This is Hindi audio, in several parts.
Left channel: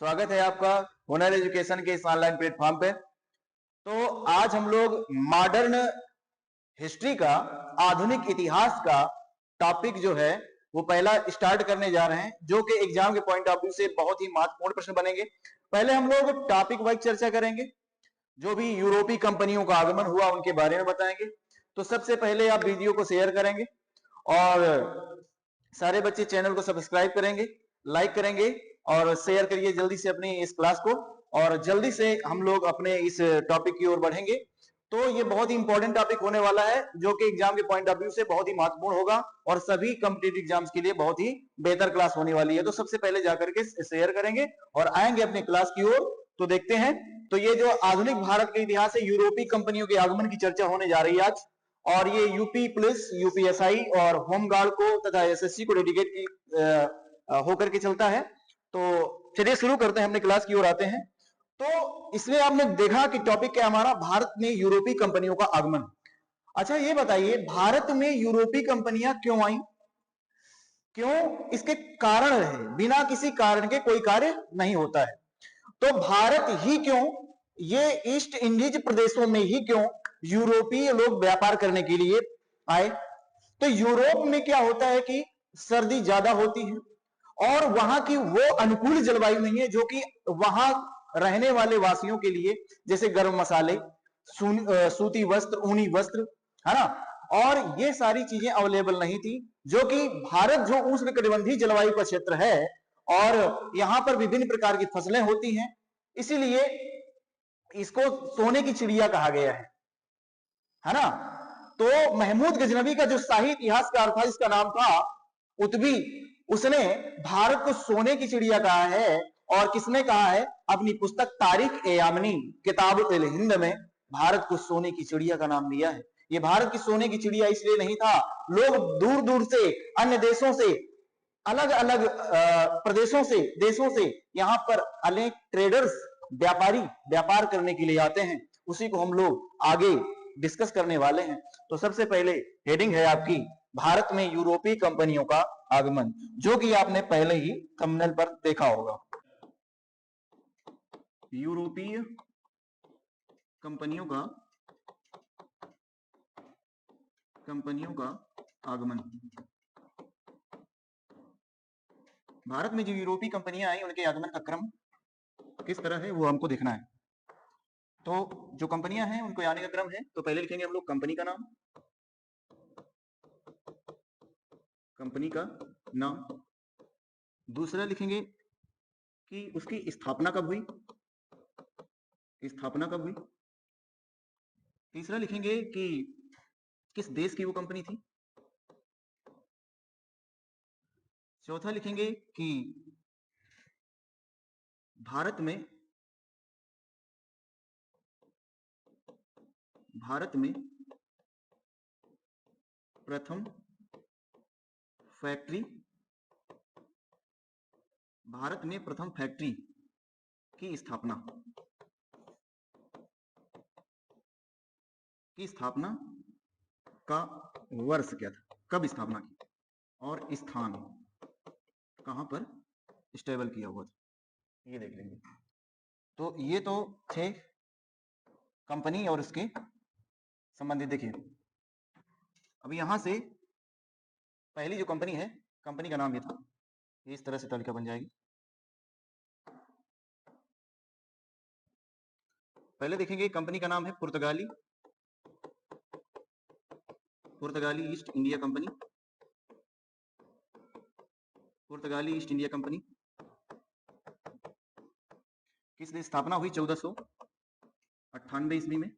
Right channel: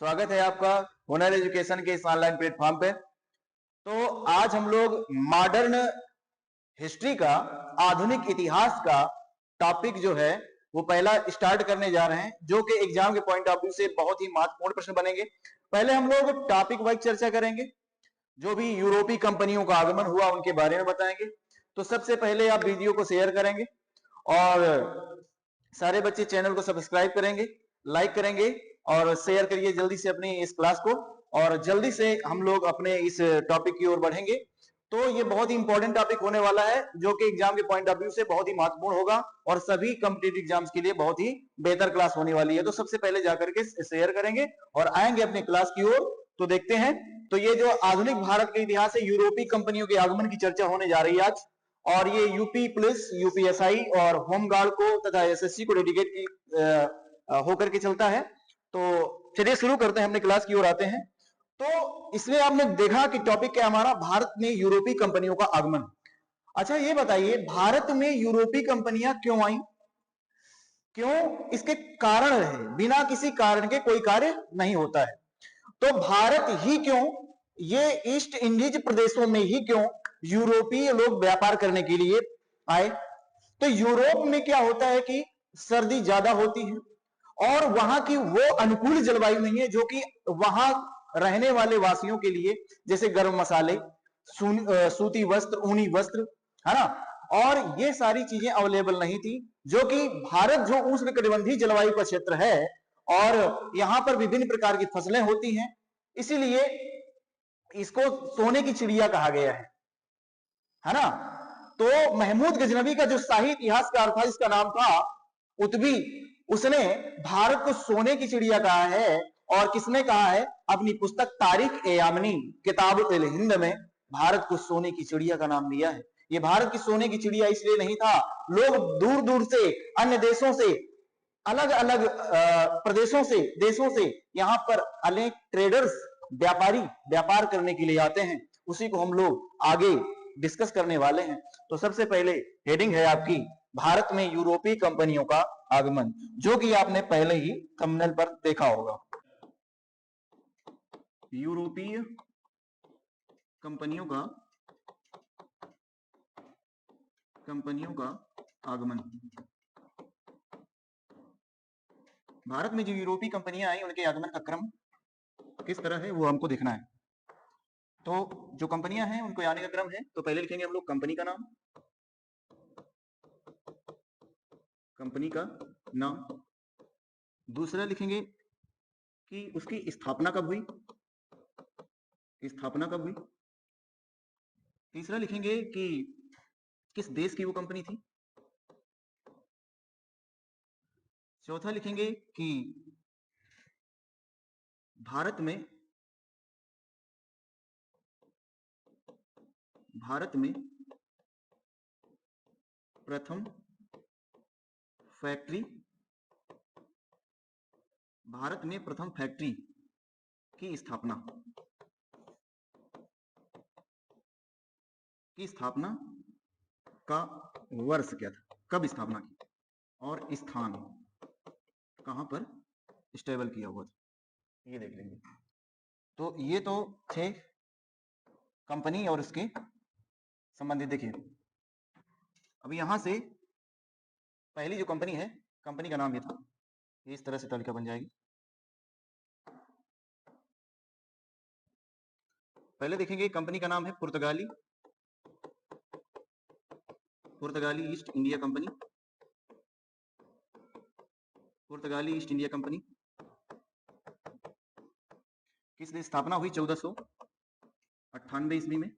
स्वागत है आपका हुनर एजुकेशन के इस ऑनलाइन प्लेटफॉर्म पे। तो आज हम लोग मॉडर्न हिस्ट्री का, आधुनिक इतिहास का टॉपिक जो है वो पहला स्टार्ट करने जा रहे हैं, जो कि एग्जाम के पॉइंट ऑफ व्यू से बहुत ही महत्वपूर्ण प्रश्न बनेंगे। पहले हम लोग टॉपिक वाइज चर्चा करेंगे, जो भी यूरोपीय कंपनियों का आगमन हुआ उनके बारे में बताएंगे। तो सबसे पहले आप वीडियो को शेयर करेंगे और सारे बच्चे चैनल को सब्सक्राइब करेंगे, लाइक करेंगे और शेयर करिए जल्दी से अपनी इस क्लास को, और जल्दी से हम लोग अपने इस टॉपिक की ओर बढ़ेंगे। तो ये बहुत ही इंपॉर्टेंट टॉपिक होने वाला है, जो कि एग्जाम के पॉइंट ऑफ व्यू से बहुत ही महत्वपूर्ण होगा और सभी कॉम्पिटिटिव एग्जाम्स के लिए बहुत ही बेहतर क्लास होने वाली है। तो सबसे पहले जाकर के शेयर करेंगे और आएंगे अपनी क्लास की ओर। तो देखते हैं, तो ये जो आधुनिक भारत के इतिहास है, यूरोपीय कंपनियों के आगमन की चर्चा होने जा रही है आज, और ये यूपी पुलिस, यूपीएसआई और होमगार्ड को तथा एसएससी को डेडिकेट की होकर के चलता है। तो चलिए शुरू करते हैं, अपने क्लास की ओर आते हैं। तो इसमें आपने देखा कि टॉपिक क्या हमारा, भारत में यूरोपीय कंपनियों का आगमन। अच्छा ये बताइए, भारत में यूरोपीय कंपनियां क्यों आई, क्यों इसके कारण रहे? बिना किसी कारण के कोई कार्य नहीं होता है। तो भारत ही क्यों, ये ईस्ट इंडीज प्रदेशों में ही क्यों यूरोपीय लोग व्यापार करने के लिए आए? तो यूरोप में क्या होता है कि सर्दी ज्यादा होती है और वहां की वो अनुकूल जलवायु नहीं है, जो कि वहां रहने वाले वासियों के लिए, जैसे गर्म मसाले, सूती वस्त्र, ऊनी वस्त्र, है ना, और ये सारी चीजें अवेलेबल नहीं थी। जो कि भारत जो उष्णकटिबंधीय जलवायु का क्षेत्र है और यहाँ पर विभिन्न प्रकार की फसलें होती हैं, इसीलिए इसको सोने की चिड़िया कहा गया है ना। तो महमूद गजनवी का जो शाही इतिहासकार था, जिसका नाम था उतबी, उसने भारत को सोने की चिड़िया कहा है। और किसने कहा है? अपनी पुस्तक तारीख ए यामनी किताब अल हिंद में भारत को सोने की चिड़िया का नाम दिया है। ये भारत की सोने की चिड़िया इसलिए नहीं था, लोग दूर दूर से, अन्य देशों से, अलग अलग प्रदेशों से, देशों से यहाँ पर अनेक ट्रेडर्स, व्यापारी व्यापार करने के लिए आते हैं। उसी को हम लोग आगे डिस्कस करने वाले हैं। तो सबसे पहले हेडिंग है आपकी, भारत में यूरोपीय कंपनियों का आगमन, जो कि आपने पहले ही थंबनेल पर देखा होगा। यूरोपीय कंपनियों का आगमन। भारत में जो यूरोपीय कंपनियां आई, उनके आगमन का क्रम किस तरह है वो हमको देखना है। तो जो कंपनियां हैं उनको आने का क्रम है, तो पहले लिखेंगे हम लोग कंपनी का नाम, दूसरा लिखेंगे कि उसकी स्थापना कब हुई, तीसरा लिखेंगे कि किस देश की वो कंपनी थी, चौथा लिखेंगे कि भारत में प्रथम फैक्ट्री की स्थापना का वर्ष क्या था, कब स्थापना की, और स्थान कहां पर स्टेबल किया हुआ था, ये देख लेंगे। तो ये तो थे कंपनी और इसके संबंधित। देखिए अभी यहां से पहली जो कंपनी है, कंपनी का नाम ये था, इस तरह से तालिका बन जाएगी। पहले देखेंगे कंपनी का नाम है पुर्तगाली ईस्ट इंडिया कंपनी। किस देश स्थापना हुई? 1498 ईस्वी में।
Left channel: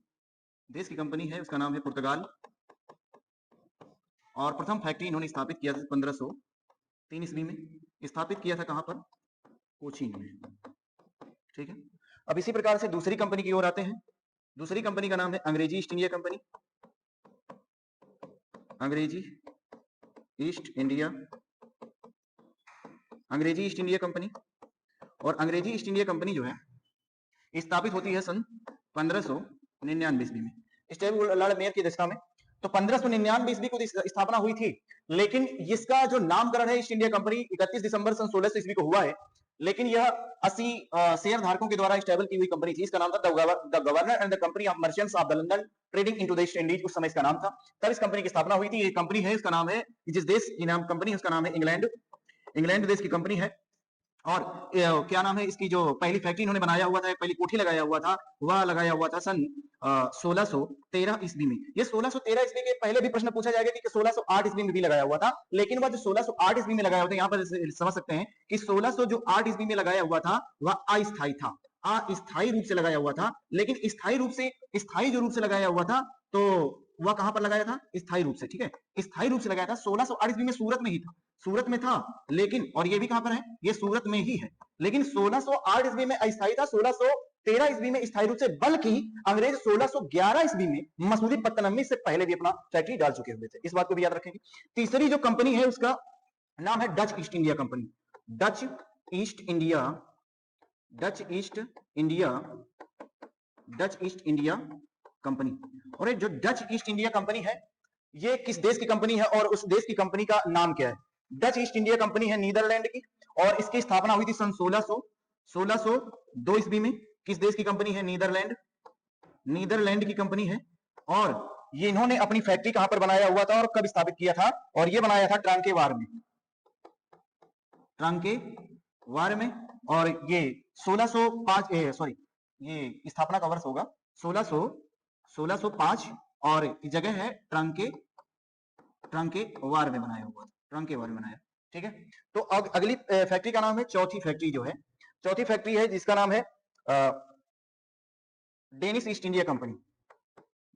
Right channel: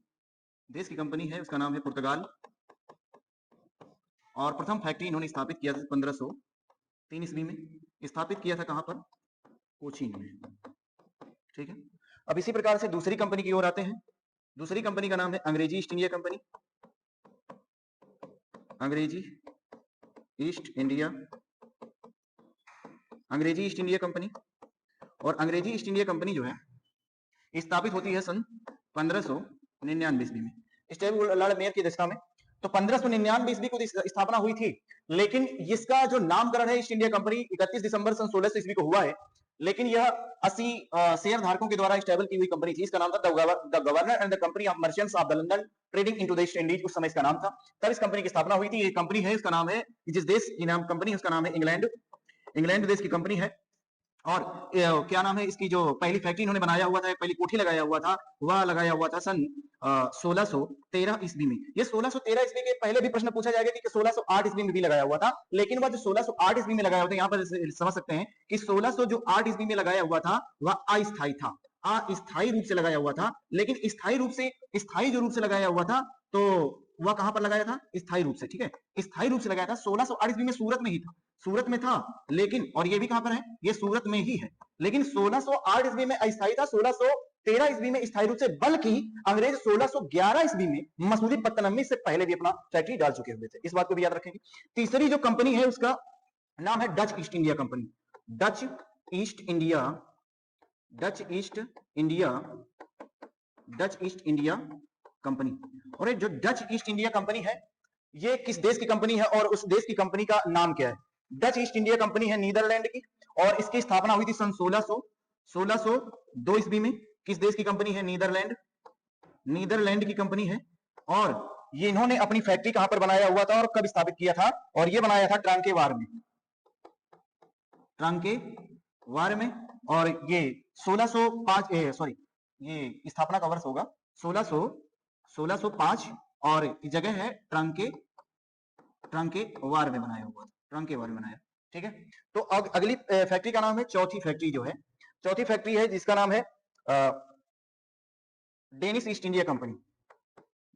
देश की कंपनी है, उसका नाम है पुर्तगाल। और प्रथम फैक्ट्री इन्होंने स्थापित किया था 1503 ईस्वी में। स्थापित किया था कहां पर? कोचीन में। ठीक है, अब इसी प्रकार से दूसरी कंपनी की ओर आते हैं। दूसरी कंपनी का नाम है अंग्रेजी ईस्ट इंडिया कंपनी। अंग्रेजी ईस्ट इंडिया कंपनी। और अंग्रेजी ईस्ट इंडिया कंपनी जो है स्थापित होती है सन 1599 ईस्वी में, स्टेबल लॉर्ड मेयर की अध्यक्षता में। तो 1599 ईस्वी को स्थापना हुई थी, लेकिन इसका जो नामकरण है ईस्ट इंडिया कंपनी 31 दिसंबर सन 1600 ईस्वी को हुआ है। लेकिन यह 80 शेयर धारकों के द्वारा स्टेबल की हुई कंपनी थी। इसका नाम था the governor and the company of merchants of the London trading into the east Indies, उस समय इसका नाम था। तब इस कंपनी की स्थापना हुई थी। ये कंपनी है, इसका नाम है, जिस देश की नाम कंपनी उसका नाम है इंग्लैंड, इंग्लैंड देश की कंपनी है। और क्या नाम है इसकी, जो पहली फैक्ट्री इन्होंने बनाया हुआ था, पहली कोठी लगाया हुआ था, वह लगाया हुआ था सन 1613 ईस्वी में। ये 1613 ईस्वी के पहले भी प्रश्न पूछा जाएगा कि 1608 ईस्वी में भी लगाया हुआ था, लेकिन वह जो 1608 ईस्वी में लगाया हुआ था, यहाँ पर समझ सकते हैं कि 1608 ईस्वी में लगाया हुआ था वह अस्थायी था, अस्थायी रूप से लगाया हुआ था। लेकिन स्थायी रूप से, स्थायी जो रूप से लगाया हुआ था, तो वह कहां पर लगाया था? स्थायी रूप से, ठीक है, स्थायी रूप से लगाया था। 1608 ईस्वी में सूरत में ही था, सूरत में था, लेकिन, और ये भी कहां पर है? ये सूरत में ही है। लेकिन 1608 ईस्वी में अस्थायी था, 1613 ईस्वी में स्थायी रूप से, बल्कि अंग्रेज 1611 ईस्वी में मसूलीपट्टनम में से पहले भी अपना फैक्ट्री डाल चुके हुए थे। इस बात को भी याद रखेंगे। तीसरी जो कंपनी है उसका नाम है Dutch east India company, Dutch east India, Dutch east India, Dutch east India company. और ये जो डच ईस्ट इंडिया कंपनी है, ये किस देश की कंपनी है और उस देश की कंपनी का नाम क्या है? डच ईस्ट इंडिया कंपनी है नीदरलैंड की, और इसकी स्थापना हुई थी सन 1602 ईस्वी में। किस देश की कंपनी है? नीदरलैंड, नीदरलैंड की कंपनी है। और ये इन्होंने अपनी फैक्ट्री कहां पर बनाया हुआ था और कब स्थापित किया था? और ये बनाया था ट्रांकेवार में, ट्रांकेवार में। और ये 1605 सॉरी, ये स्थापना का वर्ष होगा 1605, और जगह है ट्रांकेवार में बनाया हुआ, ट्रांकेवार में बनाया, ठीक है। तो अब अगली फैक्ट्री का नाम है, चौथी फैक्ट्री जो है, चौथी फैक्ट्री है जिसका नाम है Danish east India company,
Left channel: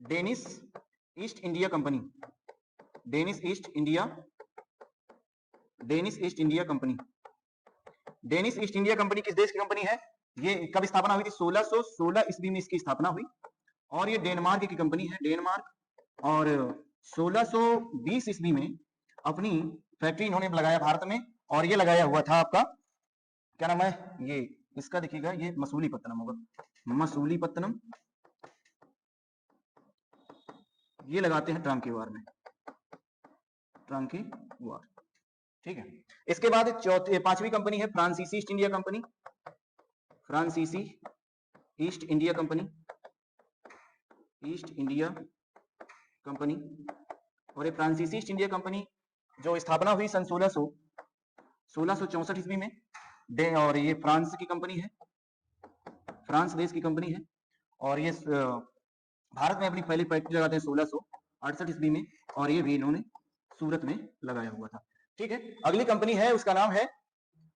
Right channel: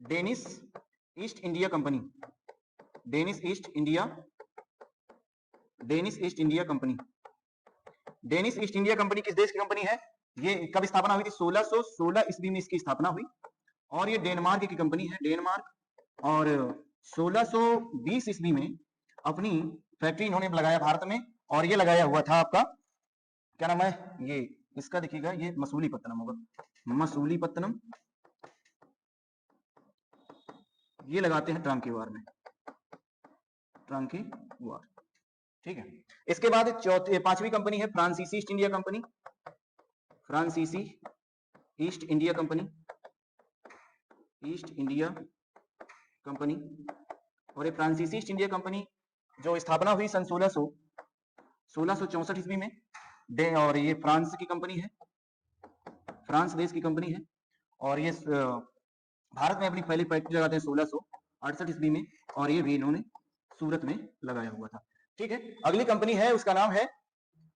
Danish east India company, Danish east India, Danish east India company. Danish east India company किस देश की कंपनी है? ये कब स्थापना हुई थी? 1616 ईस्वी में इसकी स्थापना हुई, और ये डेनमार्क की कंपनी है, डेनमार्क। और 1620 ईस्वी में अपनी फैक्ट्री इन्होंने लगाया भारत में, और ये लगाया हुआ था आपका, क्या नाम है ये इसका, देखिएगा, ये मसूलीपट्टनम होगा, मसूलीपट्टनम, ये लगाते हैं ट्रांकेवार में, ट्रांकेवार, ठीक है। इसके बाद पांचवी कंपनी है फ्रांसीसी ईस्ट इंडिया कंपनी, फ्रांसीसी east India company, east India company. और ये फ्रांसीसी ईस्ट इंडिया कंपनी जो स्थापना हुई सन 1664 ईस्वी में, और ये फ्रांस की कंपनी है, फ्रांस देश की कंपनी है। और ये भारत में अपनी पहली फैक्ट्री लगाते हैं 1668 ईस्वी में, और ये भी इन्होंने सूरत में लगाया हुआ था, ठीक है। अगली कंपनी है, उसका नाम है,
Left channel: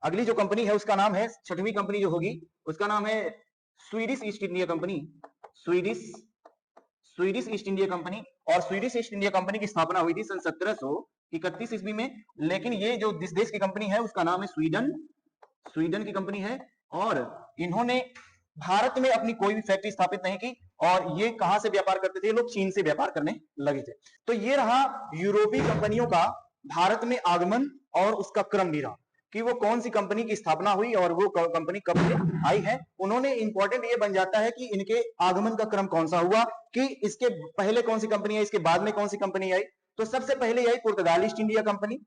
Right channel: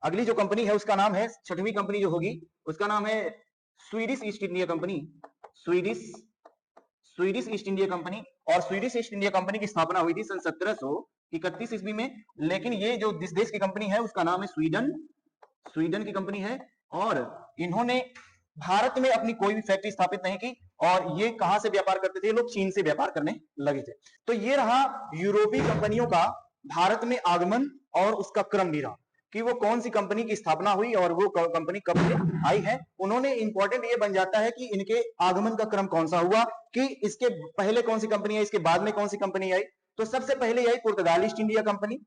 अगली जो कंपनी है उसका नाम है, छठवीं कंपनी जो होगी उसका नाम है Swedish east India company, Swedish east India company. और स्वीडिश ईस्ट इंडिया कंपनी की स्थापना हुई थी सन 1731 ईस्वी में। लेकिन ये जो जिस देश की कंपनी है उसका नाम है स्वीडन, स्वीडन की कंपनी है। और इन्होंने भारत में अपनी कोई भी फैक्ट्री स्थापित नहीं की, और ये कहां से व्यापार करते थे? ये लोग चीन से व्यापार करने लगे थे। तो ये रहा यूरोपीय कंपनियों का भारत में आगमन और उसका क्रम भी रहा कि वो कौन सी कंपनी की स्थापना हुई और वो कंपनी कब से आई है। उन्होंने इंपॉर्टेंट ये बन जाता है कि इनके आगमन का क्रम कौन सा हुआ, कि इसके पहले कौन सी कंपनी आई, इसके बाद में कौन सी कंपनी आई। तो सबसे पहले आई पुर्तगाल ईस्ट इंडिया कंपनी,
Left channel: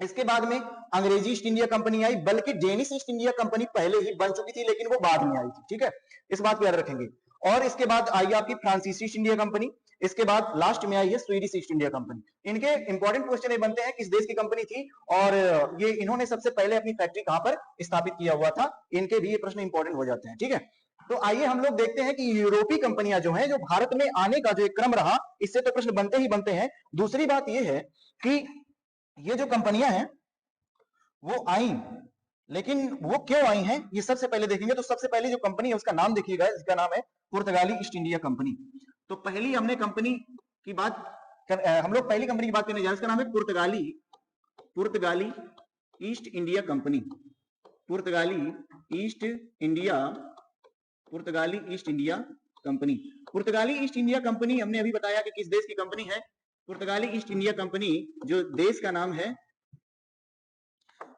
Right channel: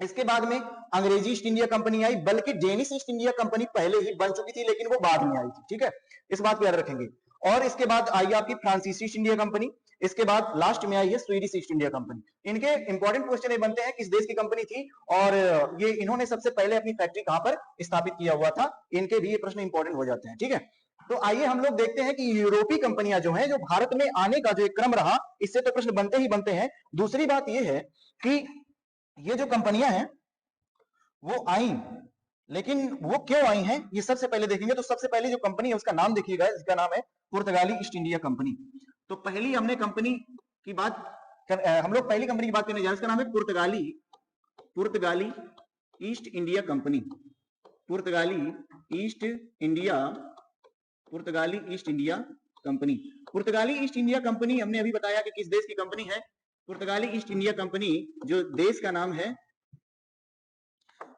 इसके बाद में अंग्रेजी ईस्ट इंडिया कंपनी आई, बल्कि डेनिश ईस्ट इंडिया कंपनी पहले ही बन चुकी थी लेकिन वो बाद में आई थी, ठीक है, इस बात को याद रखेंगे। और इसके बाद आई आपकी फ्रांसीसी ईस्ट इंडिया कंपनी, इसके बाद लास्ट में आई है स्वीडिश ईस्ट इंडिया कंपनी। इनके इंपॉर्टेंट क्वेश्चन ये बनते हैं किस देश की कंपनी थी और ये इन्होंने सबसे पहले अपनी फैक्ट्री कहां पर स्थापित किया हुआ था, इनके भी ये प्रश्न इंपॉर्टेंट हो जाते हैं, ठीक है। तो आइए हम लोग देखते हैं कि यूरोपीय कंपनियां जो हैं, जो भारत में आने का जो एक क्रम रहा, इससे तो प्रश्न बनते ही बनते हैं। दूसरी बात यह है कि ये जो कंपनियां हैं वो आई, लेकिन वो क्यों आई हैं ये सबसे पहले देखेंगे। तो सबसे पहले जो कंपनी है उसका नाम देखिएगा, इसका नाम है पुर्तगाली ईस्ट इंडिया कंपनी। तो पहली हमने कंपनी की बात हम लोग पहली कंपनी की बात करने जा रहे हैं, इसका नाम है पुर्तगाली ईस्ट इंडिया कंपनी, पुर्तगाली ईस्ट इंडिया, पुर्तगाली ईस्ट इंडिया कंपनी। पुर्तगाली ईस्ट इंडिया कंपनी हमने अभी बताया कि किस देश की कंपनी है। पुर्तगाली ईस्ट इंडिया कंपनी जो देश का नाम है,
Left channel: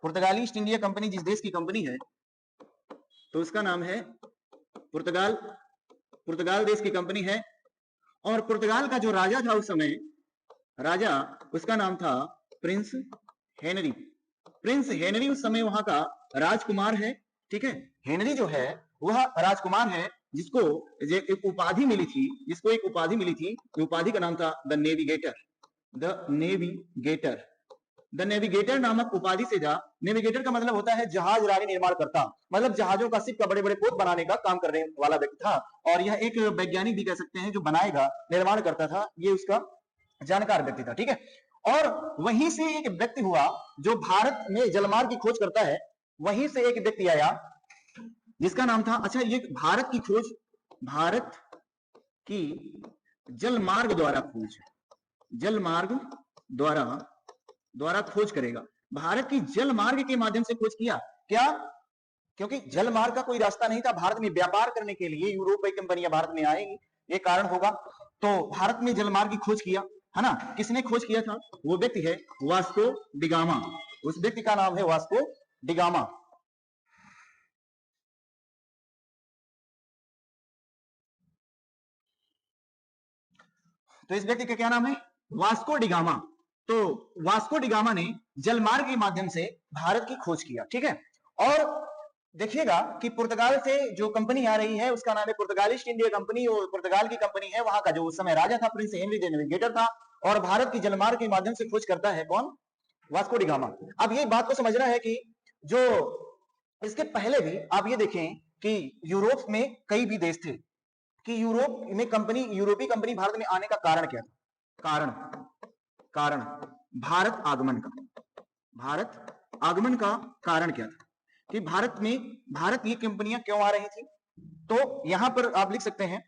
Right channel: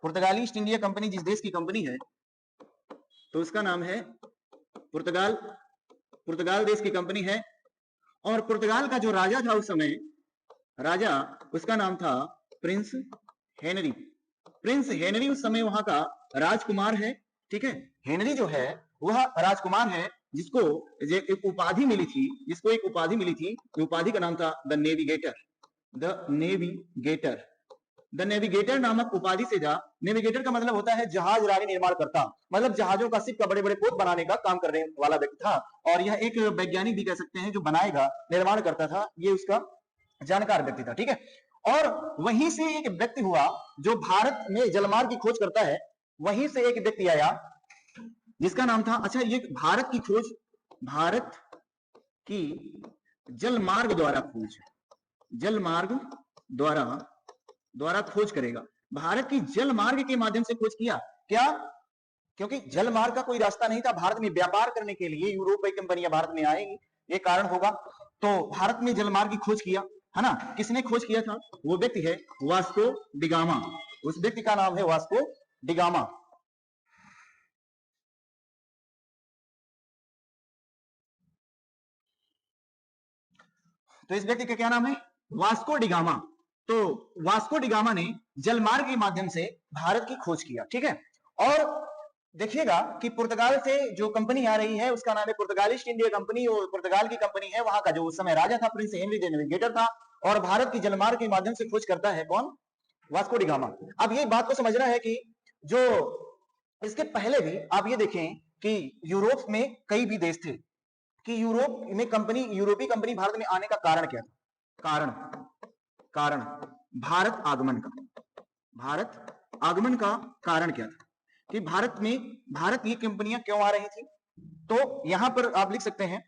पुर्तगाली ईस्ट इंडिया कंपनी जिस देश की कंपनी है तो उसका नाम है पुर्तगाल, पुर्तगाल देश की कंपनी है। और पुर्तगाल का जो राजा था उस समय, राजा उसका नाम था प्रिंस हेनरी। प्रिंस हेनरी उस समय वहां का राजकुमार है ठीक है। हेनरी जो है वह राजकुमार है जिसको एक उपाधि मिली थी, उपाधि का नाम था द नेविगेटर। द नेविगेटर नामक उपाधि से था। नेविगेटर का मतलब होता है जहाज रानी निर्माण करता, मतलब जहाजों का, शिप का, बड़े बड़े पोत बनाने का काम करने वाला व्यक्ति था। और यह एक वैज्ञानिक भी कह सकते हैं, जो बनाएगा, निर्माण करता था, ये उसका जानकार व्यक्ति था। ठीक है। और वहीं से एक व्यक्ति हुआ जो भारत में जलमार्ग की खोज करता है। वहीं से एक व्यक्ति आया जिसका नाम था, अच्छा, ये भारत की जलमार्ग द्वारा खोज करेगा। भारत की जलमार्ग के माध्यम से खोज किया क्या? क्योंकि जलमार्ग का कोई रास्ता नहीं था भारत में व्यापार करने के लिए। यूरोपीय कंपनियां भारत में आएंगी, ये कारण होगा। तो भारत में जलमार्ग की खोज किया, है ना। किसने खोज किया था? वो व्यक्ति है वास्को डिगामा। उस व्यक्ति का नाम है वास्को डिगामा। तो इस व्यक्ति का क्या नाम है? Vasco da Gama. तो वास्को डिगामा ने जलमार्ग के माध्यम से भारत की खोज किया। ठीक है। और देखिएगा कि पुर्तगाल से जो कंपनी आ रही है उसका नाम है पुर्तगाल ईस्ट इंडिया कंपनी। और पुर्तगाल की कंपनी है, वहां का जो उस समय राजा था प्रिंस हेनरी द नेविगेटर था। और भारत की जलमार्ग के माध्यम से खोज करता है कौन? Vasco da Gama. अब ये बात को समझना है कि जो इसके पहले भी आप ये देखें कि यूरोप में कई भी देश थे कि यूरोपीय कंपनी भारत में आने का कारण क्या था? कारण भारत आगमन का कारण क्या था कि भारत ये कंपनियां क्यों आ रही थी? तो यहां पर आप लिख सकते हैं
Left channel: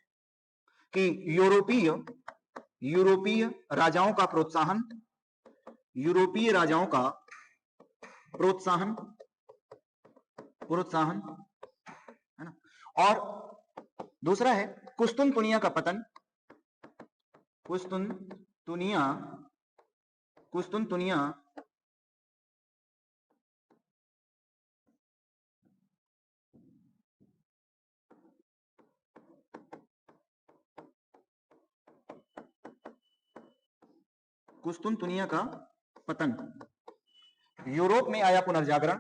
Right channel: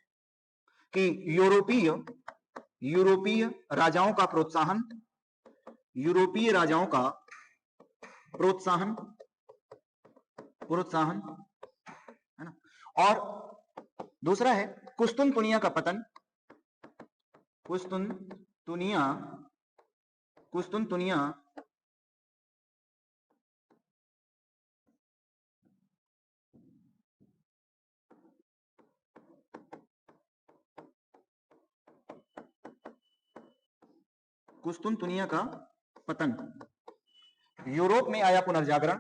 कि यूरोपीय राजाओं का प्रोत्साहन, है ना। और दूसरा है कुस्तुनतुनिया का पतन। कुस्तुनतुनिया का पतन। यूरोप में आया पुनर्जागरण।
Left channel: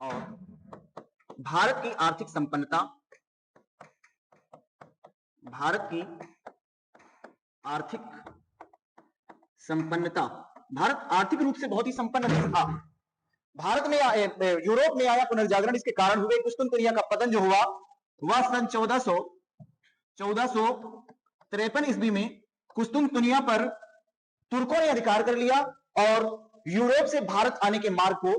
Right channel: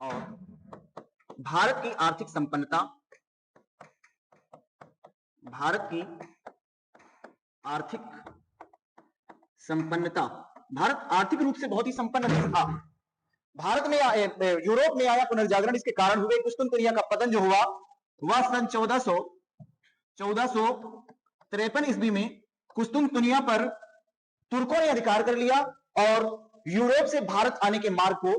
और भारत की आर्थिक संपन्नता, भारत आर्थिक रूप से बहुत ही संपन्न था। भारत में यूरोप में आया पुनर्जागरण, इसके कारण हुए। कुस्तुनतुनिया का पतन जो हुआ वह सन 1453 ईस्वी में कुस्तुनतुनिया पर तुर्कों ने अधिकार कर लिया और यूरोप से भारत आने के मार्ग को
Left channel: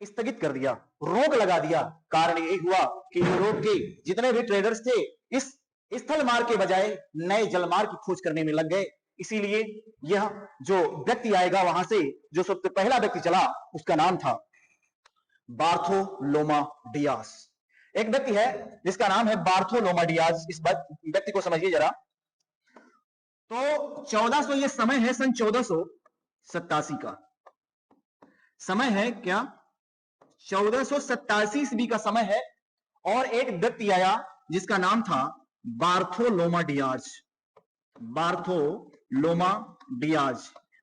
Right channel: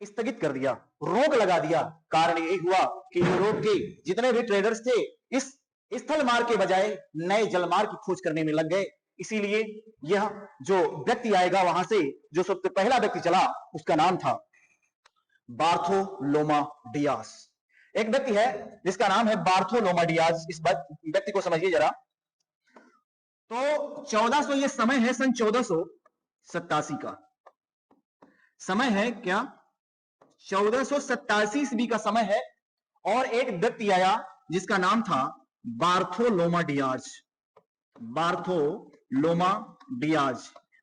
स्थगित कर दिया, रोक लगा दिया। कारण यही हुआ कि यूरोप के जितने भी ट्रेडर्स थे इस स्थल मार्ग के बजाय नए जलमार्ग की खोज करने में लग गए। इसीलिए यह जो व्यक्ति आएगा वहां से, जो सबसे पहला व्यक्ति चला, उसका नाम था बार्थोलोमा डियास। एक व्यक्ति है जिसका नाम है बार्थोलोमा डियास। इस व्यक्ति को समझिए जरा। तो 1400, ये समय है सन 1487 का समय है क्या? 1487 ईस्वी का समय है। और एक व्यक्ति आया जिसका नाम था बार्थोलोमा डियाज।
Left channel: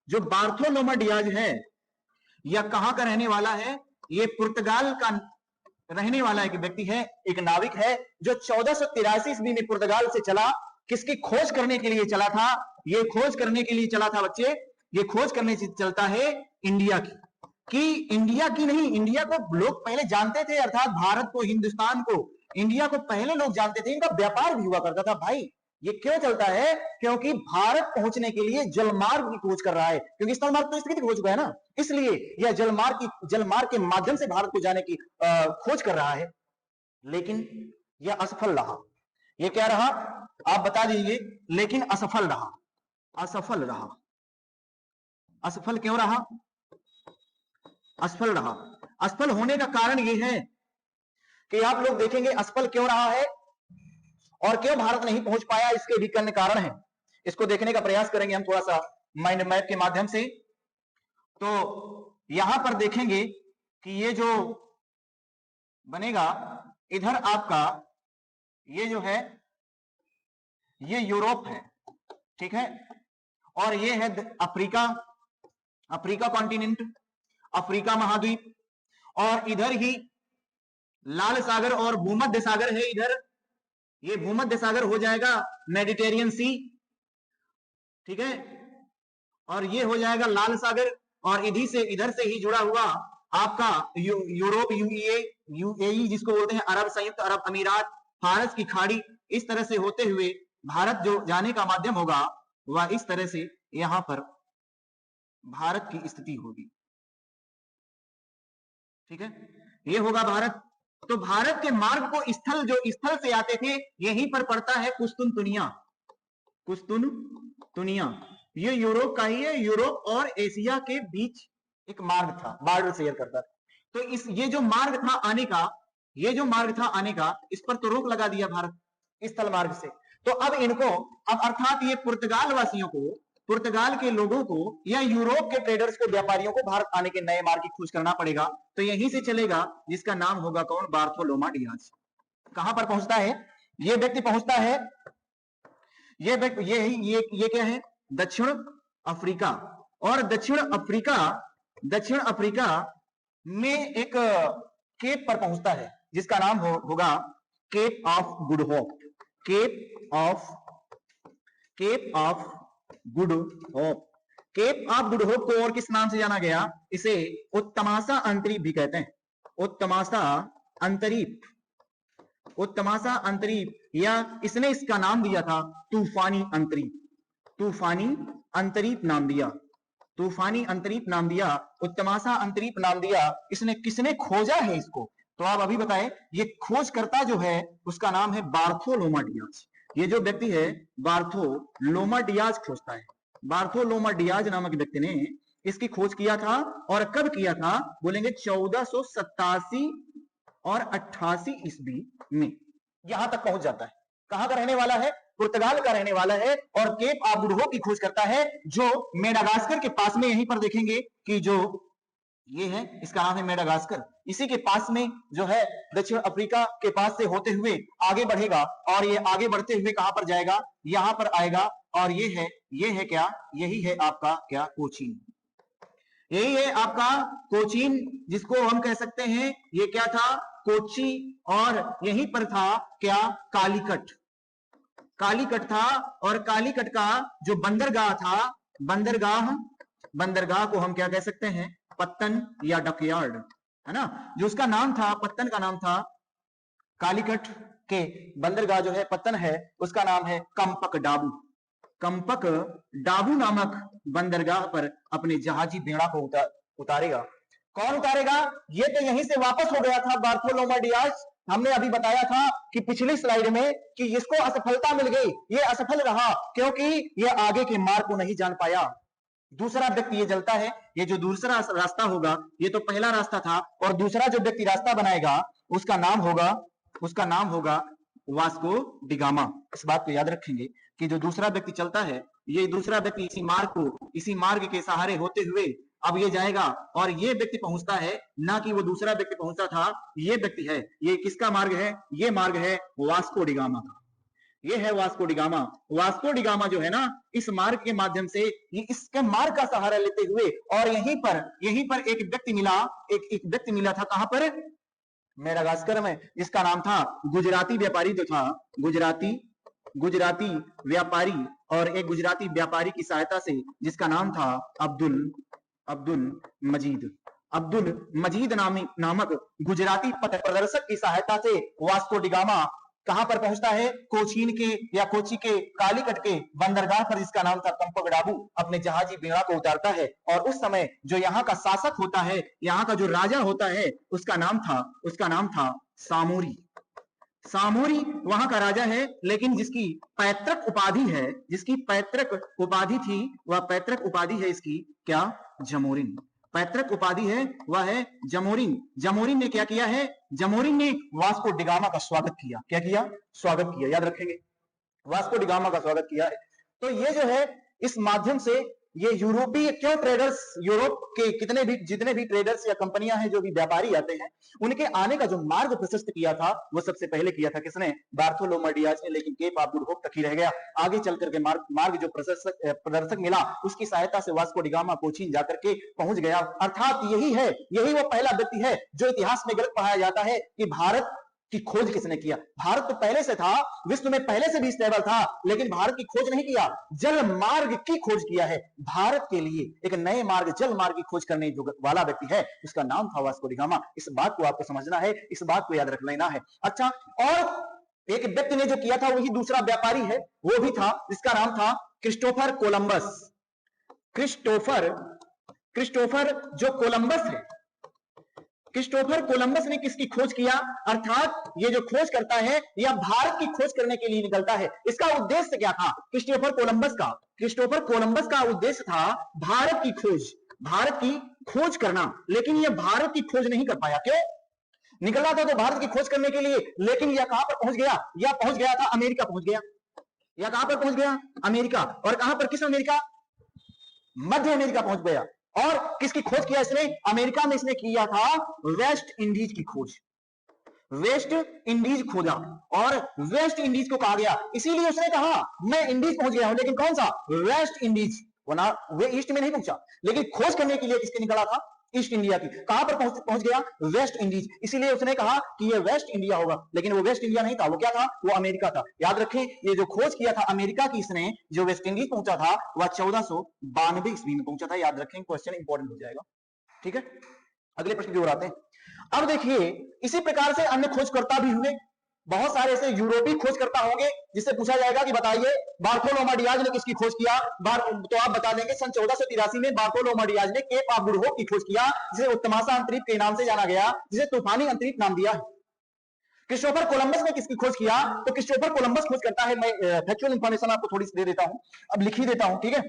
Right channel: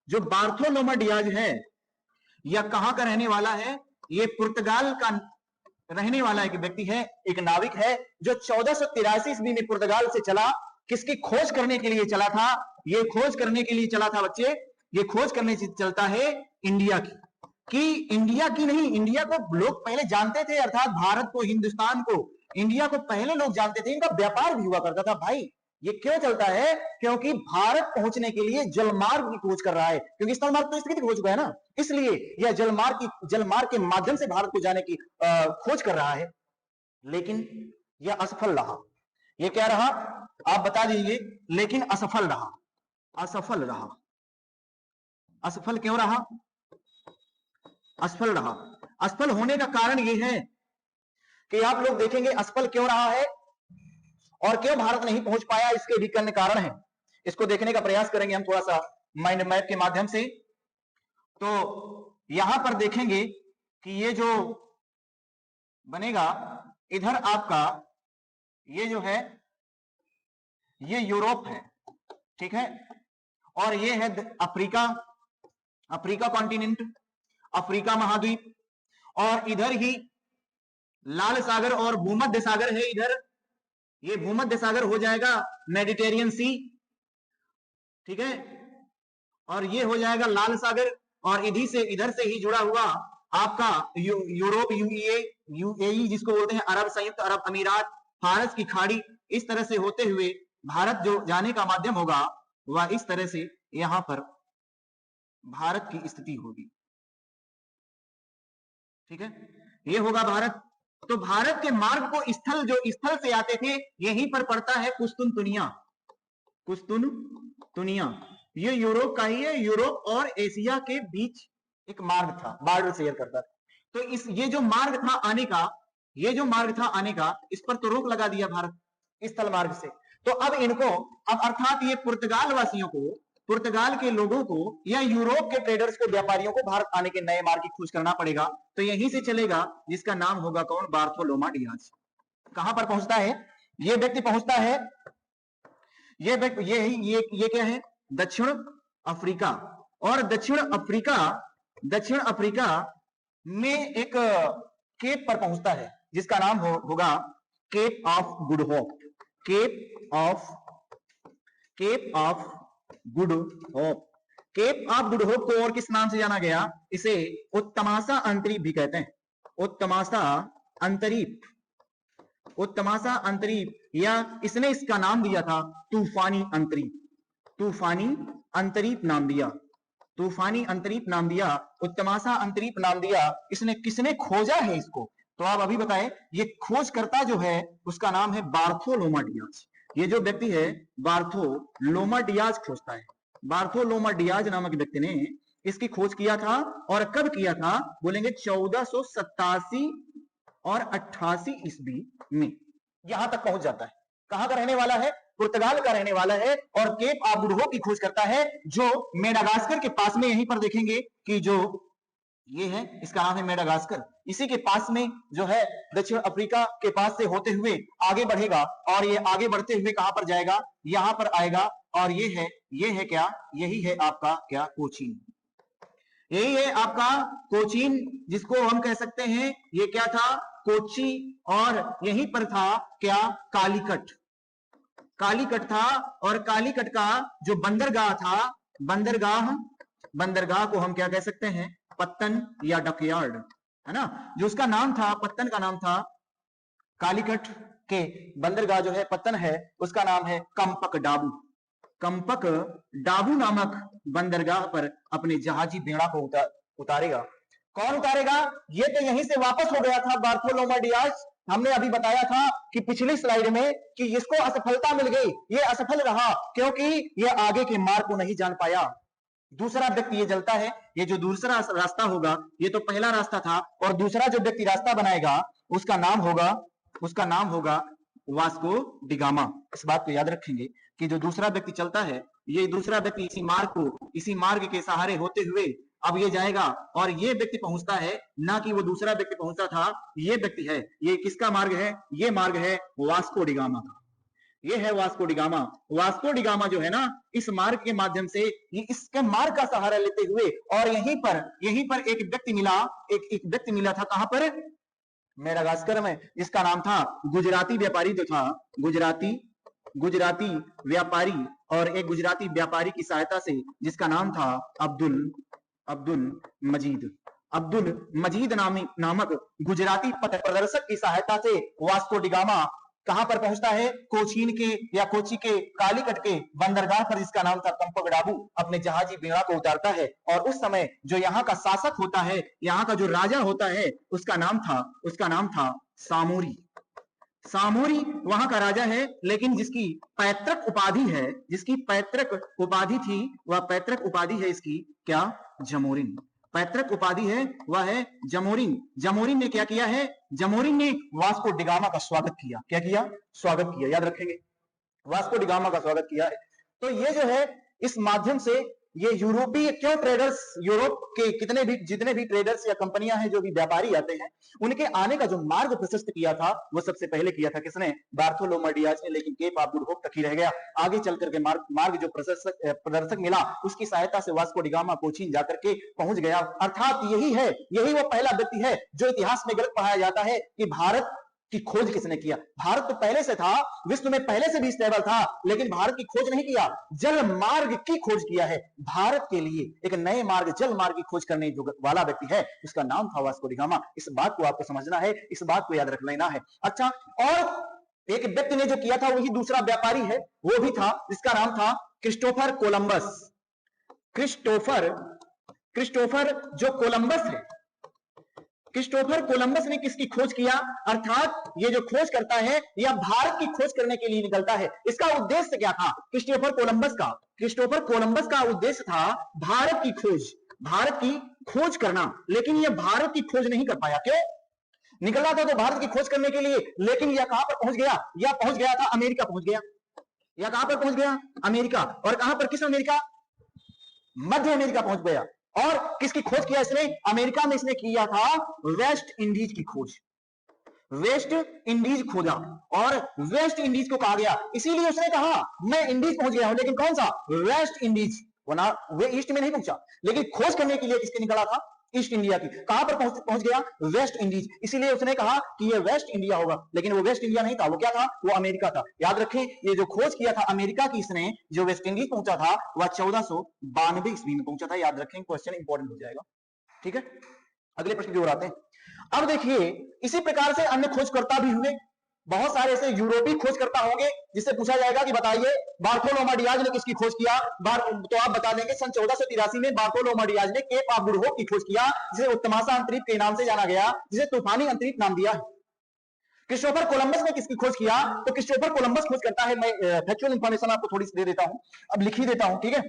जो बार्थोलोमा डियाज है यह कहां का रहने वाला है? ये पुर्तगाल का रहने वाला एक व्यक्ति है, एक नाविक है, जो 1483 ईस्वी में पुर्तगाल से चला। किसकी खोज करने के लिए चला था? ये खोज करने के लिए चला था बच्चे, ये खोज करने से चलता है इंडिया इंडिया की नहीं, इंडिया को लोग पहले जानते थे, अर्थात भारत को, हिंदुस्तान को, इंडिया को पहले लोग जानते थे। इनका व्यापार भी हुआ करता था भाई। ये क्यों चलता है? क्योंकि भारत पहुंचने के लिए जलमार्ग की खोज कर रहा है, क्योंकि स्थल मार्ग तो स्थगित हो चुका है ना, इसलिए यह जलमार्ग के माध्यम से भारत को जाने की खोज कर रहा है। लेकिन यह असफल रहा। ये क्या रहा? आप बता दीजिए। लेकिन असफल रहा। असफल क्यों रहा? असफल होने का कारण यह है कि आप लोग देखेंगे असफल क्यों रहा है और क्यों भारत नहीं पहुंच पाया। इसके भी कई कारण हैं, इसको देखने का प्रयास करेंगे हम थोड़ा सा माइंड मैप के माध्यम से। तो यहां पर देखेंगे कि ये जो बनेगा इधर आपका, ये जो है ये यूरोप है, ठीक है, और ये है अफ्रीका, अफ्रीका कॉन्टिनेंट, अफ्रीका महाद्वीप, और इधर ही लाल सागर और भूमध्य सागर है इधर, ये भूमध्य सागर हो जाएगा मेडिटेरियन सी, ठीक है, और ये हो जाएगा लाल सागर, और इधर से ही जुड़ा हुआ आपका यूरोप, यूएई जिसको बोलते हैं, अरब संयुक्त अरब अमीरात, फारस की खाड़ी, इस तरह से होते हुए भारत जो जाने का माध्यम होगा वह इस तरह से यहां पर भारत की स्थिति होगी, ठीक है, ये होगा भारत। तो भारत के मार्ग को स्थल, जो स्थल से आते थे, यहीं पर पड़ता है कुस्तुनतुनिया, कुस्तुनतुनिया, ये यूरोप का ही है, यूरोप और एशिया के बीच एक मार्ग था, बॉर्डर शेयर करता था। तो ये जो मार्ग था आने का, ये जो मार्ग था आने का, इस पर तो रोक लगा दिया भारत स्थल मार्ग से। तो अब इनको, अब अर्थात ये पुर्तगाल वासियों को, पुर्तगाल के लोगों को या यूरोप के ट्रेडर्स को, व्यापारियों को भारत आने के नए मार्ग की खोज करना पड़ेगा। तो यहीं से चलेगा, जिसका नाम होगा कौन, बार्थोलोमा डियाज। कहां पर पहुंचता है ये व्यक्ति, पहुंचता है ये व्यक्ति, ये क्या है, दक्षिण अफ्रीका, और दक्षिण अफ्रीका में एक केप पर पहुंचता है जिसका नाम होगा Cape of Good Hope, Cape of Good Hope. Cape of Good Hope को और किस नाम से जाना गया, इसे उत्तमासा अंतरीप भी कहते हैं, उत्तमासा अंतरीप, उत्तमासा अंतरीप, या इसने इसका नाम दिया था तूफानी अंतरीप, तूफानी अंतरीप नाम दिया, तूफानी अंतरीप नाम दिया, उत्तमासा अंतरीप नाम दिया। इसने, किसने खोजा है इसको, तो आप अभी बताएं। ये खोजकर्ता जो है उसका नाम है बार्थोलोमा डियाज। ये जो व्यक्ति है बार्थोलोमा डियाज खोजता है, बार्थोलोमा डियाज नामक व्यक्ति ने इसकी खोज किया था। और कब किया था, बोलेंगे 1487 और 88 ईस्वी में यहां तक पहुंच जाता है। कहां का रहने वाला है, पुर्तगाल का रहने वाला है, और केप ऑफ गुड होप की खोज करता है, जो मेडागास्कर के पास में, यहीं पर देखेंगे कि जो ये है, इसका नाम है मेडागास्कर, इसी के पास में जो है दक्षिण अफ्रीका के पास से होते हुए आगे बढ़ेगा, और ये आगे बढ़ते हुए कहां पर जाएगा, यहां पर आएगा, और ये है क्या, यही है आपका क्या, कोचीन, यही है आपका कोचीन, जिसको हम कह सकते हैं, ये क्या था, कोची, और यहीं पर था क्या, कालीकट, कालीकट था, और कालीकट का जो बंदरगाह था, बंदरगाह को हम क्या कह सकते हैं, पत्तन या डकयार्ड, है ना, जिसका नाम था, पत्तन का नाम था, कालीकट के बंदरगाह जो है पत्तन है, उसका नाम है कंपक डाबू, कंपक डाबू नामक बंदरगाह पर अपने जहाजी बेड़ा पर उतारेगा। कौन उतारेगा, ये तो यहीं से वापस हो गया था बार्थोलोमा डियाज। हमने अभी बताया था कि पिछली स्लाइड में कि इसको असफलता मिल गई, ये असफल रहा क्योंकि ये आगे के मार्ग को नहीं जान पाया। दूसरा व्यक्ति ये जानता है, ये जो दूसरा रास्ता होगा, ये तो पहला रास्ता था, और दूसरा जो व्यक्ति रास्ता बनाएगा उसका नाम होगा वास्को डिगामा। इस बात को याद रखेंगे कि जो दूसरा व्यक्ति चलता है, ये दूसरा व्यक्ति इसी मार्ग के सहारे होते हुए अब ये जाएगा, और ये व्यक्ति पहुंचता है, ना कि वो दूसरा व्यक्ति पहुंचता था, ये व्यक्ति है, ये किसका मार्ग है, ये मार्ग है वास्को डिगामा का, ये है वास्को डिगामा। वास्को डिगामा जो है ना, इस मार्ग के माध्यम से, ये इसका मार्ग का सहारा लेते हुए, और यहीं पर एक व्यक्ति मिला, एक व्यक्ति मिला था, कहां पर, मेडागास्कर में, जिसका नाम था गुजराती व्यापारी, जो था गुजराती व्यापारी, और एक गुजराती व्यापारी की सहायता से, जिसका नाम था अब्दुल मजीद नामक गुजराती पथ प्रदर्शक की सहायता से वास्को डिगामा कहां पर पहुंचता है, कोचीन के या कोची के कालीकट के बंदरगाह पर, जिसका नाम था कंपक डाबू, अपने जहाजी बेड़ा को उतारता है। और उस समय जो यहाँ पर शासक होता है, सामूरी वहां का राजा है, लेकिन जिसकी पैतृक उपाधि है, जिसकी पैतृक उपाधि थी, वह पैतृक उपाधि है इसकी क्या, जमूरी, पैतृक उपाधि है वह है जमूरी। जमूरी में क्या किया है, जमूरी में वास्को डिगामा का स्वागत किया, क्या किया, स्वागत किया है, देखेंगे वास्को डिगामा का स्वागत किया है। तो ये जो है, इस माध्यम से ये यूरोपीय ट्रेडर्स, यूरोप के जितने भी ट्रेडर्स या कंपनियां हैं, जो भी व्यापारी आते हैं, उनके आने का जो मार्ग प्रशस्त किया था, वो सबसे पहले किया था किसने? बार्थोलोमा डियाज ने, लेकिन केप ऑफ गुड होप तक ही रह गया। आगे चल करके मार्ग जो प्रदर्शक मिला उसकी सहायता से वास्को डी गामा कोचीन जाकर के पहुंच गया। अर्थात यही वो पहला व्यक्ति है जो इतिहास में गलत पढ़ाया जाता है कि भारत की खोज किसने किया। भारत तो पहले से था, विश्व में पहले से भी स्टेबल था, लेकिन भारत की खोज नहीं किया, जल मार्ग की खोज किया है। भारत के लिए एक नए मार्ग, जल मार्ग की खोज करने जो वाला व्यक्ति है उसका नाम था वास्को डी गामा। इस बात को आपको समझना है, इस बात को याद रख लेना है। अच्छा, और एक व्यक्ति ने जो किया था वही दूसरा व्यापारी है, वो भी था, जिसका नाम था क्रिस्टोफर कोलंबस। क्रिस्टोफर जो कोलंबस है, क्रिस्टोफर कोलंबस ने किसकी खोज किया? अर्थात ये जो खोज करता है यह भारत की खोज करने के लिए निकलता है। इसका उद्देश्य क्या था? क्रिस्टोफर कोलंबस का उद्देश्य था भारत की खोज करना, लेकिन यह भारत की खोज नहीं कर पाया। क्यों? निकला था तो भारत की खोज करने के लिए, लेकिन यह कहां पर पहुंच गया? यह पहुंच गया था अमेरिका पहुंच गया। यह कहां पर पहुंच गया? अमेरिका। और कहां पर? किस अमेरिका? मध्य अमेरिका पहुंच गया। और किसकी खोज किया इसने? अमेरिका में इसने किया था वेस्ट इंडीज की खोज। वेस्ट इंडीज खोजा और वेस्ट इंडीज को कहा गया, इसीलिए उसने कहा मैं इंडीज पहुंच गया हूं, लेकिन कौन सा? West Indies. वे ईस्ट में नहीं पहुंचा, लेकिन खोज करने के लिए किसके निकला था? ईस्ट इंडिया की। कहां पर पहुंच गया? West Indies. इसीलिए उसने कहा कि ये वेस्ट इंडिया होगा, लेकिन वो वेस्ट इंडिया नहीं था, वो क्या था? वो अमेरिका था। याद रखें, ये जो खोज किया था अमेरिका की इसने, जो वेस्ट इंडीज पहुंचा था, वह 1492 ईस्वी में पहुंचा था। याद रखें, क्वेश्चन इंपॉर्टेंट हो जाएगा। ठीक है, अगले प्रश्न की ओर आते हैं। अब देखिए, इसी प्रकार से अन्य खोजकर्ता भी हुए, बहुत सारे ऐसे यूरोपीय खोजकर्ता होंगे जिससे पूछा जाएगा कि बताइए बार्थोलोमा डियाज ने किसकी खोज किया? तो आप बता देंगे सन 1483 में बार्थोलोमा डियाज ने केप ऑफ गुड होप की खोज किया, जिसे उत्तमासा अंतरीप के नाम से जाना गया, जिसे तूफानी अंतरीप नाम दिया। क्रिस्टोफर कोलंबस ने किसकी खोज किया? तो क्रिस्टोफर कोलंबस खोज करता है, मैं फैक्चुअल इंफॉर्मेशन आपको थोड़ी सी दे देता हूं, अब लिख ही देता हूं, ठीक है?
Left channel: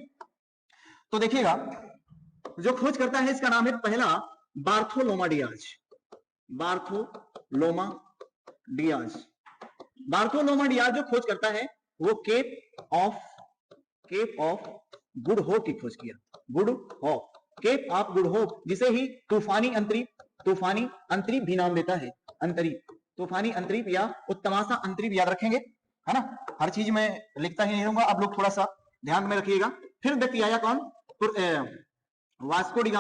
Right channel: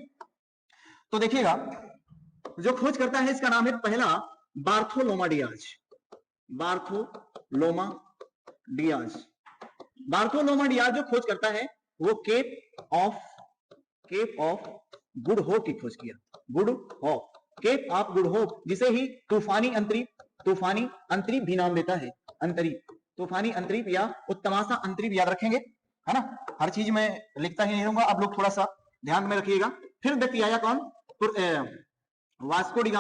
तो देखिएगा, जो खोज करता है इसका नाम है पहला बार्थोलोमा डियाज। बार्थोलोमा डियाज जो खोज करता है वो केप ऑफ गुड होप की खोज किया। केप ऑफ गुड होप, जिसे ही तूफानी अंतरीप भी नाम देता है। तूफानी अंतरीप या उत्तमासा अंतरीप, याद रखेंगे, है ना? हर चीज में लिखता ही नहीं रहूंगा, आप लोग थोड़ा सा ध्यान में रखिएगा। फिर व्यक्ति आया कौन? Vasco D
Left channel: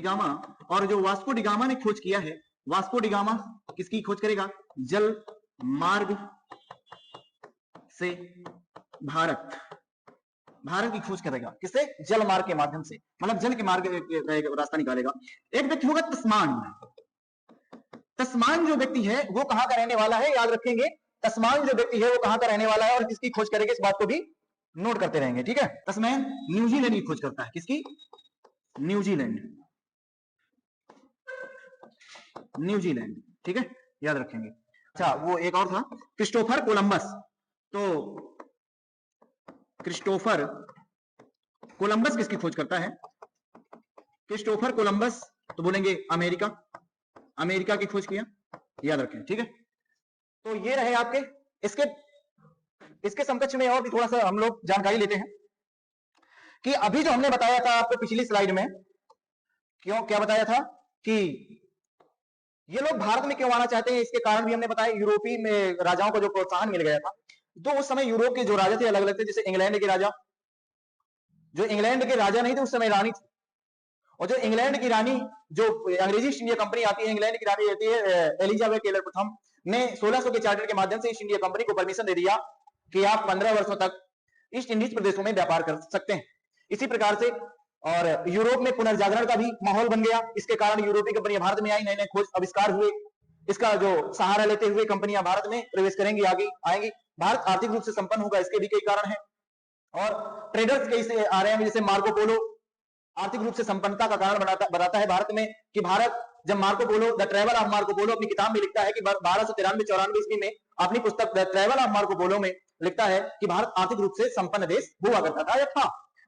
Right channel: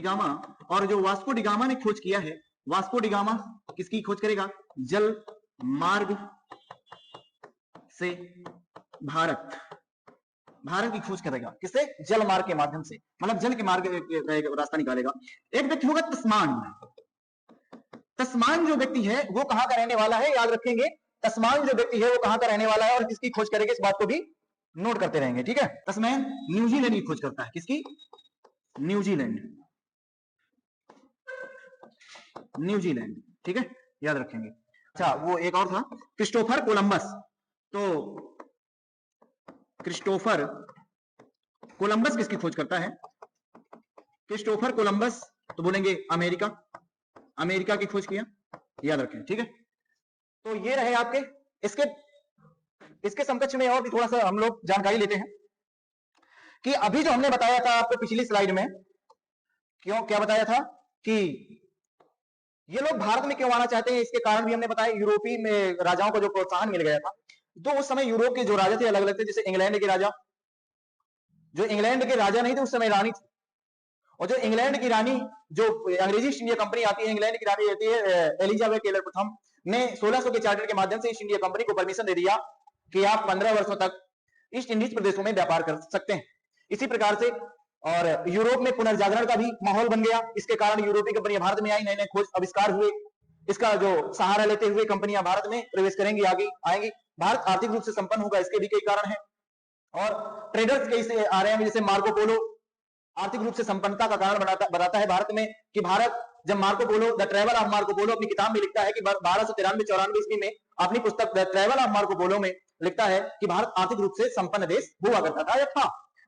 gamma. और जो वास्को डी गामा ने खोज किया है, वास्को डी गामा किसकी खोज करेगा? जल मार्ग से भारत की खोज करेगा। किससे? जल मार्ग के माध्यम से, मतलब जल के मार्ग रास्ता निकालेगा। एक व्यक्ति होगा तस्मान जो व्यक्ति है वो कहां का रहने वाला है? याद रखेंगे, तस्मान जो व्यक्ति है वो कहां का रहने वाला है और किसकी खोज करेगा, इस बात को भी नोट करते रहेंगे, ठीक है? तस्मान न्यूजीलैंड की खोज करता है। किसकी? न्यूजीलैंड, ठीक है, याद रखेंगे। अच्छा, वो एक और था क्रिस्टोफर कोलंबस। तो क्रिस्टोफर कोलंबस किसकी खोज करता है? क्रिस्टोफर कोलंबस, तो बोलेंगे अमेरिका की खोज किया, याद रखें, ठीक है? तो ये रहे आपके, इसके समकक्ष में और भी थोड़ा सा हम लोग जानकारी लेते हैं कि अभी जो हमने बताया था आपको पिछली स्लाइड में, क्या बताया था कि ये लोग भारत में क्यों आना चाहते हैं, इसके कारण भी हमने बताया। यूरोपीय में राजाओं को जो प्रोत्साहन मिल गया था, तो उस समय यूरोप के जो राजा थे अलग अलग थे। जैसे इंग्लैंड के राजा नहीं थे उस समय, रानी थी। और जो इंग्लैंड की रानी, जो अंग्रेजी ईस्ट इंडिया कंपनी आती है, इंग्लैंड की रानी रहती है एलिजाबेथ टेलर प्रथम ने 1600 के चार्टर के माध्यम से ईस्ट इंडिया कंपनी को परमिशन दे दिया कि आप 15 वर्षों तक ईस्ट इंडीज प्रदेशों में व्यापार कर सकते हैं। इसी प्रकार से और यूरोप में पुनर्जागरण का भी माहौल बन गया। इसके कारण यूरोपीय कंपनियां भारत में आई, नए नए खोज आविष्कार हुए, उसका जो सहारा लेते हुए कंपनियां भारत में प्रवेश करेंगी, आगे आएंगी। भारत आर्थिक रूप से संपन्न होगा, इसके भी कई कारण हैं। और ट्रेडर्स कैसे आ रहे हैं, जैसे मार्को पोलो आर्थिक रूप से संपन्नता का कारण बनाता है भारत में। कि भारत, जब Marco Polo, the travel of Marco Polo अपनी किताब में लिखता है कि 1293-94 ईस्वी में अपनी पुस्तक the travel of Marco Polo में लिखता है कि भारत आर्थिक रूप से संपन्न देश हुआ करता था, था,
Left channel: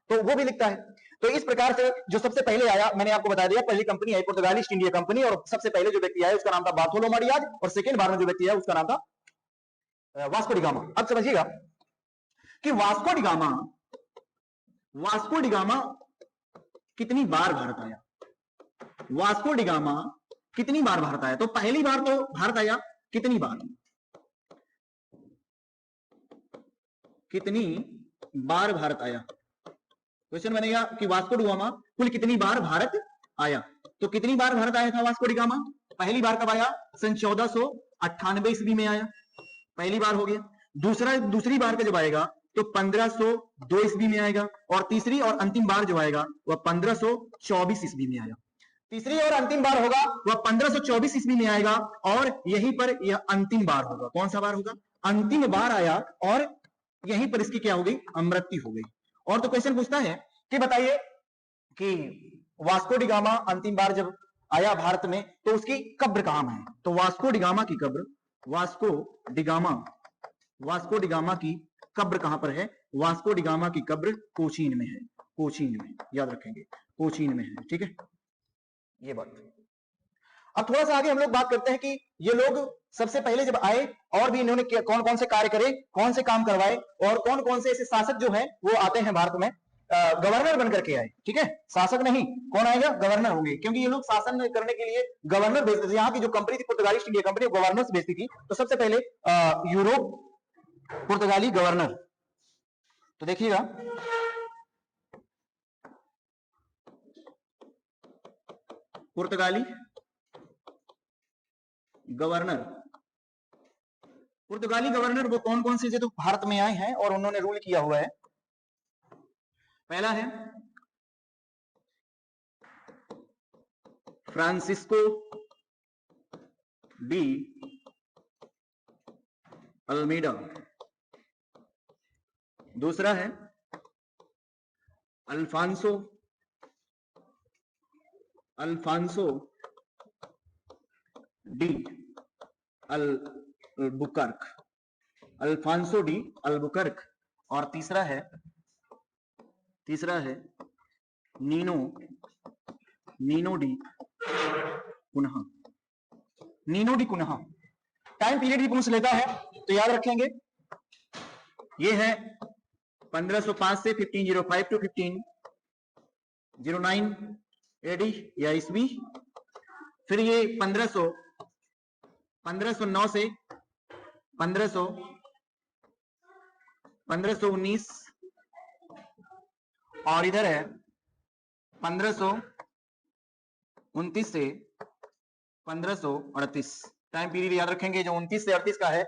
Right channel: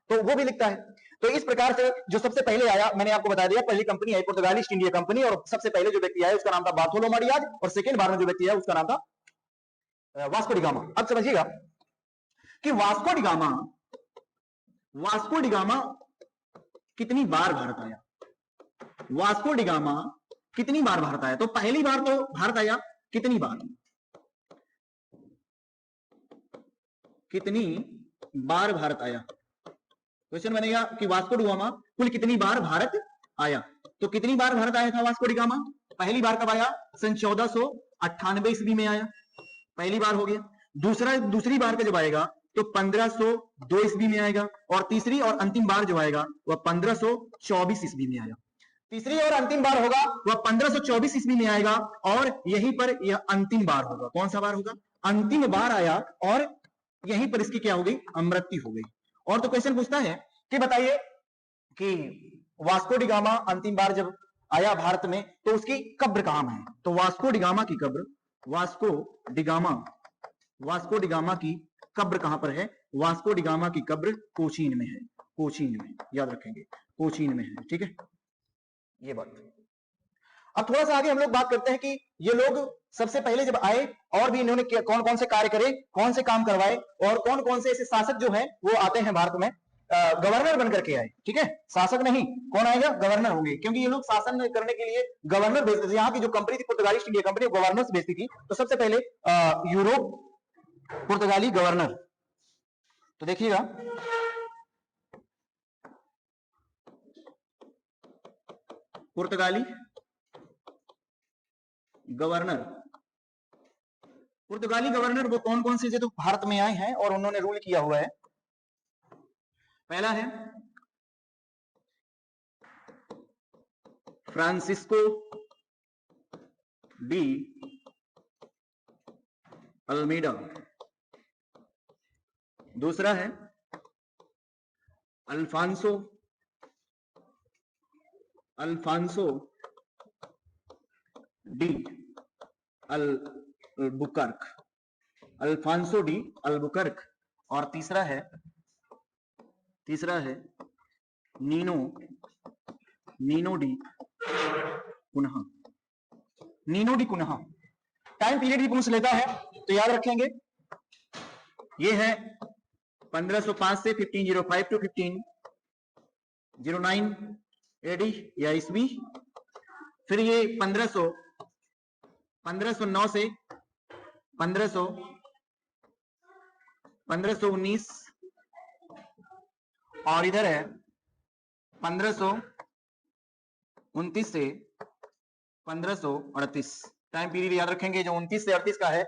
तो वो भी लिखता है। तो इस प्रकार से जो सबसे पहले आया, मैंने आपको बता दिया, पहली कंपनी आई पुर्तगाली ईस्ट इंडिया कंपनी, और सबसे पहले जो व्यक्ति आया उसका नाम था बार्थोलोमा डियाज, और सेकंड बार में जो व्यक्ति आया उसका नाम था वास्को डी गामा। अब समझिएगा कि वास्को डी गामा कितनी बार भारत आया। वास्को डी गामा कितनी बार भारत आया? तो पहली बार तो भारत आया, कितनी बार? कितनी बार भारत आया? क्वेश्चन बनेगा कि वास्को डी गामा कुल कितनी बार भारत आया? तो कितनी बार भारत आया था वास्को डी गामा? पहली बार कब आया? सन 1498 ईस्वी में आया, पहली बार हो गया। दूसरी बार का जब आएगा तो 1502 ईस्वी में आएगा, और तीसरी और अंतिम बार जो आएगा वह 1524 ईस्वी में आएगा। तीसरी और अंतिम बार होगा वह 1524 ईस्वी में आएगा, और यहीं पर यह अंतिम बार होगा। कौन सा बार होगा? अंतिम बार आया, और यहीं पर इसकी क्या हो गई? मृत्यु हो गई। और तो क्वेश्चन पूछता है कि बताइए कि वास्को डी गामा अंतिम बार जब आया भारत में तो उसकी कब्र कहां है? तो वास्को डी गामा की कब्र, वास्को डी गामा की कब्र कहां पर है? वास्को डी गामा की कब्र कोचीन में है, कोचीन में, याद रखेंगे, कोचीन में है। ठीक है, ये बात। अब थोड़ा सा आगे हम लोग बात करते हैं कि ये लोग सबसे पहले जब आए और भी इन्होंने कौन कौन से कार्य करे, कौन से काम करवाए, और कौन कौन से ऐसे शासक जो है वो आते हैं भारत में गवर्नर बनकर के आए। ठीक है, शासक नहीं, कौन आएगा? गवर्नर होंगे, क्योंकि ये लोग शासन करने के लिए गवर्नर भेजते थे। यहाँ की जो कंपनी थी पुर्तगाली ईस्ट इंडिया कंपनी, गवर्नर्स भेजती थी। तो सबसे पहले यूरोप पुर्तगाली गवर्नर, तो देखिएगा पुर्तगाली गवर्नर, पुर्तगाली गवर्नर वो कौन कौन से तो भारत में आए हैं और उन्होंने रूल किया हुआ है। पहला है फ्रांसिस्को डी अल्मीडा, दूसरा है Alfonso de Albuquerque, Alfonso de Albuquerque, और तीसरा है Nuno da Cunha, Nuno da Cunha. Time period भी पूछ लेता है तो याद रखेंगे, ये है 1505 से 1505 टू 1509 एडी या ईस्वी। फिर ये 1509 से 1519, और इधर है 1529 से 1538। टाइम पीरियड याद रखेंगे, जो 29 से 38 का है।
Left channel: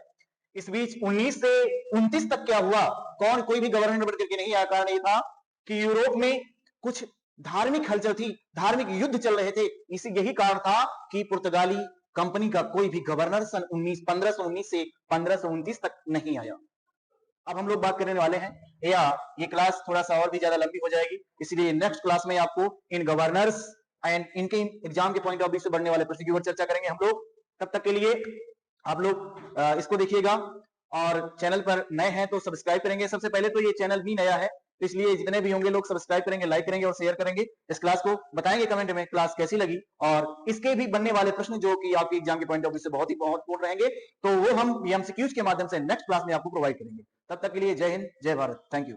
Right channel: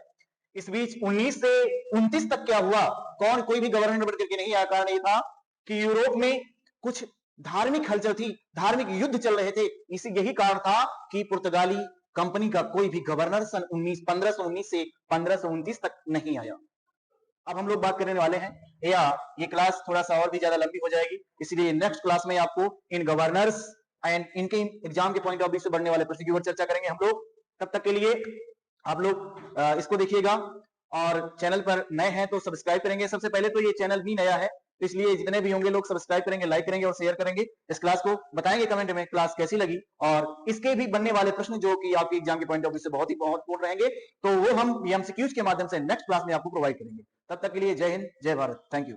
इस बीच 19 से 29 तक क्या हुआ? कौन कोई भी गवर्नर बन करके नहीं आया। कारण ये था कि यूरोप में कुछ धार्मिक हलचल थी, धार्मिक युद्ध चल रहे थे। इसी यही कारण था कि पुर्तगाली कंपनी का कोई भी गवर्नर सन 1519 से 1529 तक नहीं आया। अब हम लोग बात करने वाले हैं, या ये क्लास थोड़ा सा और भी ज्यादा लंबी हो जाएगी, इसलिए नेक्स्ट क्लास में आपको इन गवर्नर्स एंड इनके एग्जाम के पॉइंट ऑफ व्यू से बनने वाले प्रश्न की ओर चर्चा करेंगे हम लोग। तब तक के लिए आप लोग इसको देखिएगा, और चैनल पर नए हैं तो सब्सक्राइब करेंगे। सबसे पहले तो ये चैनल भी नया है, इसलिए जितने भी होंगे लोग सब्सक्राइब करेंगे, लाइक करेंगे और शेयर करेंगे। इस क्लास को बताएंगे कमेंट में क्लास कैसी लगी, और इसके भी बनने वाले प्रश्न जो कि आपके एग्जाम के पॉइंट ऑफ व्यू से बहुत ही महत्वपूर्ण रहेंगे, तो वो हम एमसीक्यूज के माध्यम से नेक्स्ट क्लास में आपको प्रोवाइड करेंगे। तब तक के लिए जय हिंद, जय भारत, थैंक यू।